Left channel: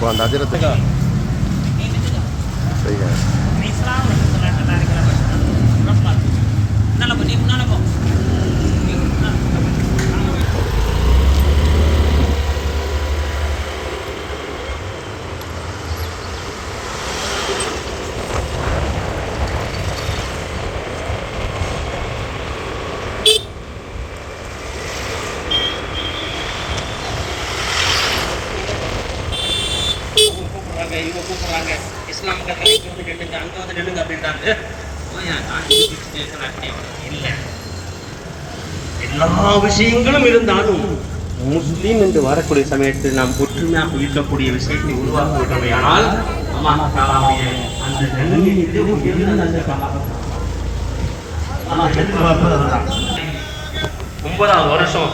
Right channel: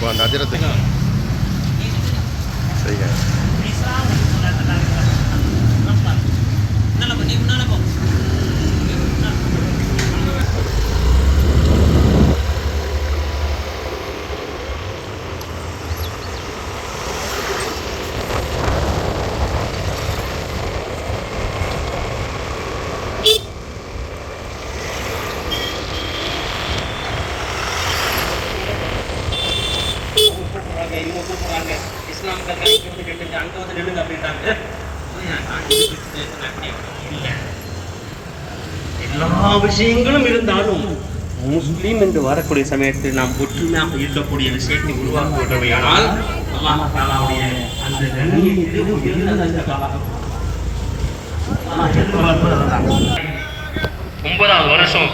இப்போ அந்த அதிரத்தை செய்ய இஸ்லாம் அங்க வந்து நில்லுங்க அப்படின்றாங்க. எல்லா விஷயங்களும் இருந்தாலும் முஸ்லீம் என்று வரக்கூடிய சமயத்தில் நாம் ஒற்றுமையாக இருக்கக்கூடிய விஷயத்தை உருவாக்குவதையானால் அந்த ஒன்பதாவது வருஷம்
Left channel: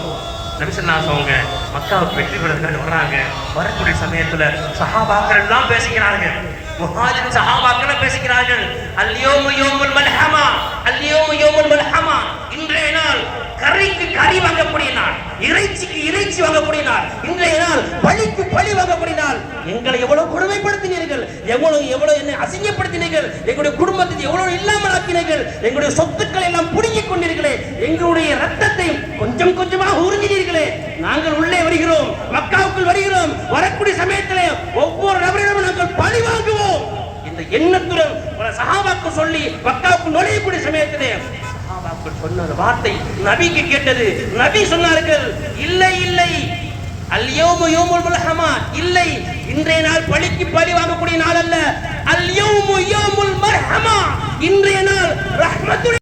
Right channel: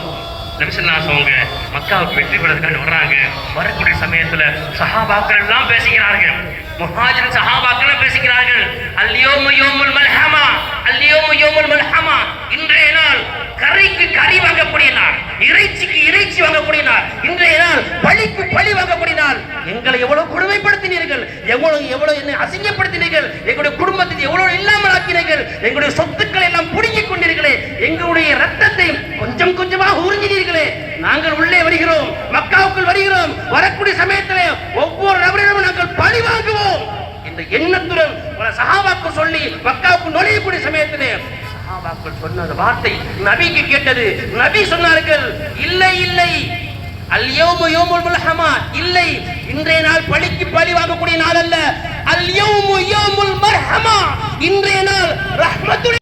நபிசல்லாசவங்க மக்காவுக்கு வெற்றி பெறதுக்கு வர்றாங்க. வரக்கூடிய சமயத்துல சஹாபாக்கள் எல்லாம் பேசிக்கிறார்கள். முஹாஜிர் சஹாபாக்கள் பேசிக்கிறார்கள். அல்யௌமு யௌமுல் மல்ஹமா, அல்யௌமு யௌமுல் மல்ஹமா. இன்றைய நாள் கறிக்கு கறி வாங்கக்கூடிய நாள், இறைச்சிக்கு இறைச்சி வாங்கக்கூடிய நாள், இன்றைய நாள் பழிக்கு பழி வாங்கக்கூடிய நாள். எங்களை எவ்வளவு கொடுமைப்படுத்தினீர்கள், எவ்வளவு என்னை அசிங்கப்படுத்தினீர்கள், எங்களுடைய குடும்பத்தை எவ்வளவு இல்லாமல் ஆக்கினீர்கள், எங்களுடைய சொத்துக்களை எல்லாம் புடுங்கிக் கொண்டீர்களே, எங்களுடைய ரத்தத்தை கொஞ்சம் கொஞ்சமாக உறிஞ்சினீர்களே. நாங்கள் உள்ளே வருகிறோம், மக்காவுக்குள் வருகிறோம். வரக்கூடிய சமயத்தில் ஒவ்வொரு நபரிடமும் நாங்கள் பழி வாங்குவோம் இந்த எண்ணத்துடன் சஹாபாக்கள் சொல்லி மக்காவுக்குள் நுழையக்கூடிய சமயத்திலே சொன்ன வார்த்தை நபிக்கு கேட்டது. நபி சொன்னார்கள், இல்லை இல்லை, அல்யௌமு யௌமுல் மல்ஹமா, இல்லை, இன்றைய நாள் பழிக்கு பழி வாங்கக்கூடிய நாள் அல்ல. அல்யௌமு யௌமுல் மர்ஹமா, இன்றைய நாள் ரஹ்மத்துல்.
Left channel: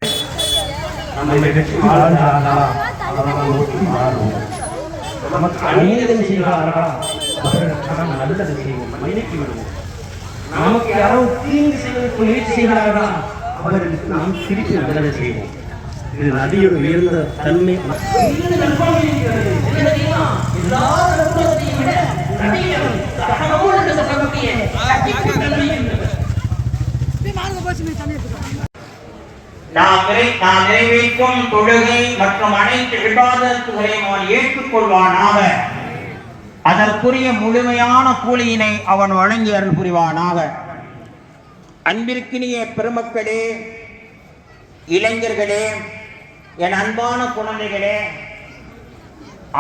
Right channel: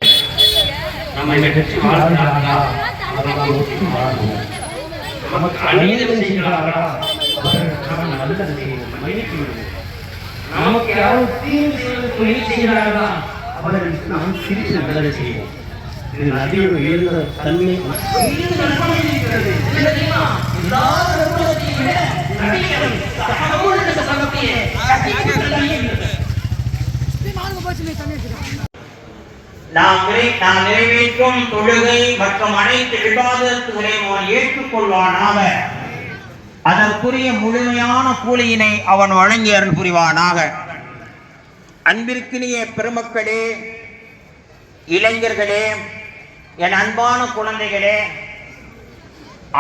நமக்கு அநீதம் செய்கிறார்களா அவர்களுக்கு நல்லது செய்வோம், மன்னித்து விடுவோம். நமக்கு யாரும் தீங்கு செய்வதற்கு முயற்சி செய்கிறார்களா அவர்களுக்கு நாம் சிரித்து நல்லதை செய்வோம். இது நபியோட உயர்ந்த தன்மை. நாம் நிறைவேற்றும் தொழுகை மற்றும் அனைத்து இபாதத்துகளையும் அவன் ஏற்றுக்கொள்வானாக. அதற்குரிய முழுமையான கூலியினை அவன் வழங்கி அருள் புரிவானாக. அன்பிற்கினிய பெருமக்களே, இளைஞர்களே, என் அன்பான குழந்தைகளே,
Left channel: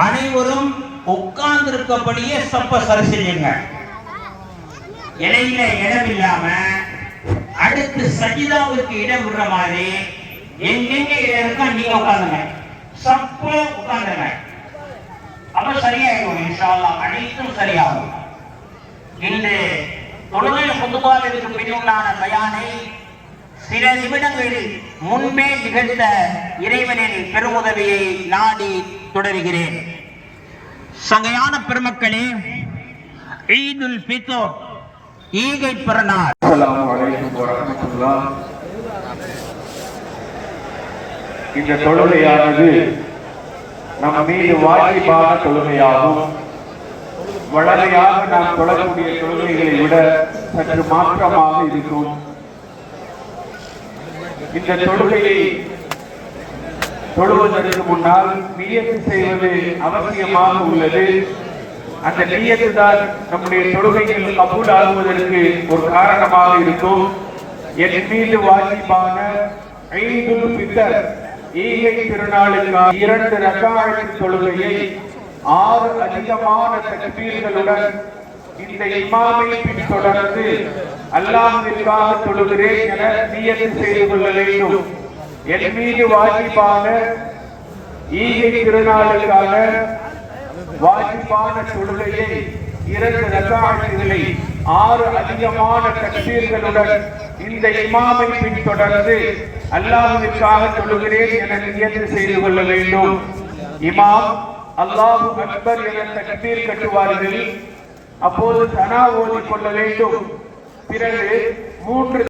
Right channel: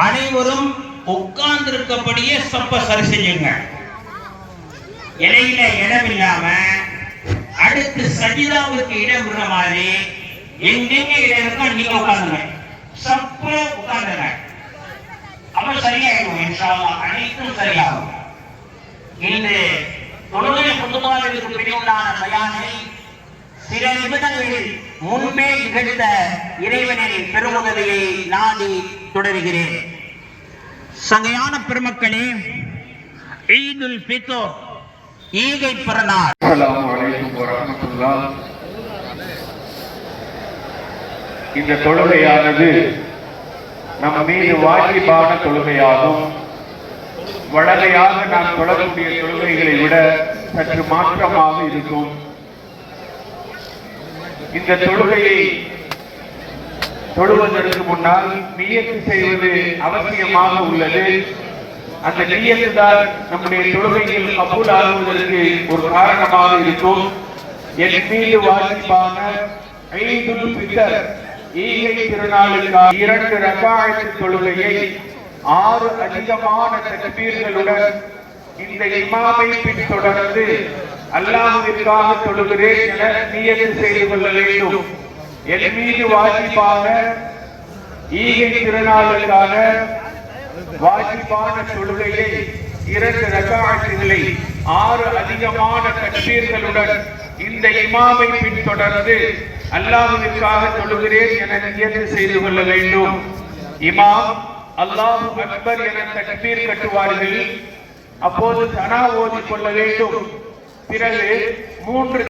அனைவரும் உட்கார்ந்திருக்கப்படியே சப்ப சரி செய்யுங்க. இடையில இடமில்லாம அடுத்து சஜிதாவுக்கு இடம் விடுற மாதிரி எங்கெங்க இடம் இருக்கா நீங்க உட்கார்ந்துங்க, சப்ப உட்கார்ந்துங்க. அப்ப சரியாயிடும், இன்ஷா அல்லாஹ் அனைத்தும் சரியாகும். இன்று தொழுகை குதுபாவிற்கு பின்னுண்டான பயானை சில நிமிடங்களில் முன்பே நிகழ்ந்த இறைவனின் பெருமுதவியை நாடி தொடர்கிறேன். சங்கையான பெருமக்களே, ஈதுல் ஃபித்ர், ஈகை பிறநாள். அஸ்ஸலாமு அலைக்கும் வரஹ்மத்துல்லாஹ். இந்த தொழுகையானது நம் மீது வாஜிபான தொழுகையாகும். வழமையாக நாம் தொழக்கூடிய தொழுகைகளை விட சற்று மாற்றமாக இருக்கும். இந்த தொழுகையை தொழுவதற்கு முன்னால் நியத்து செய்வது அவசியமாக உள்ளது. அந்த நியத்து தான் நம்முடைய தொழுகைகள் கபூலாகுவதற்கு ஒரு காரணமாக இருக்கும். என் மீது வாஜிபான ஈதுல் ஃபித்ர், ஈகை திருநாளுக்கான 2 ரக்காஅத் தொழுகையை 6 அதிகமான தக்பீர்களுடன் இந்த இமாமை பின்தொடர்ந்து அல்லாஹ்விற்காக தொழுகிறேன் என நியத்து செய்து கொள்ள வேண்டும். என் மீது வாஜிபான ஈகை திருநாளுக்கான வாஜிபான தொழுகையை 2 ரக்காஅத்துகளை 6 அதிகமான தக்பீர்களுடன் இந்த இமாமை பின்தொடர்ந்து அல்லாஹ்விற்காக தொழுகிறேன் என நியத்து செய்து கொள்ள வேண்டும். இமாம் அல்லாஹு அக்பர் என தக்பீர் கட்டுவார்கள். அப்போது சனா ஓதிக் கொள்ள வேண்டும். பிறகு 3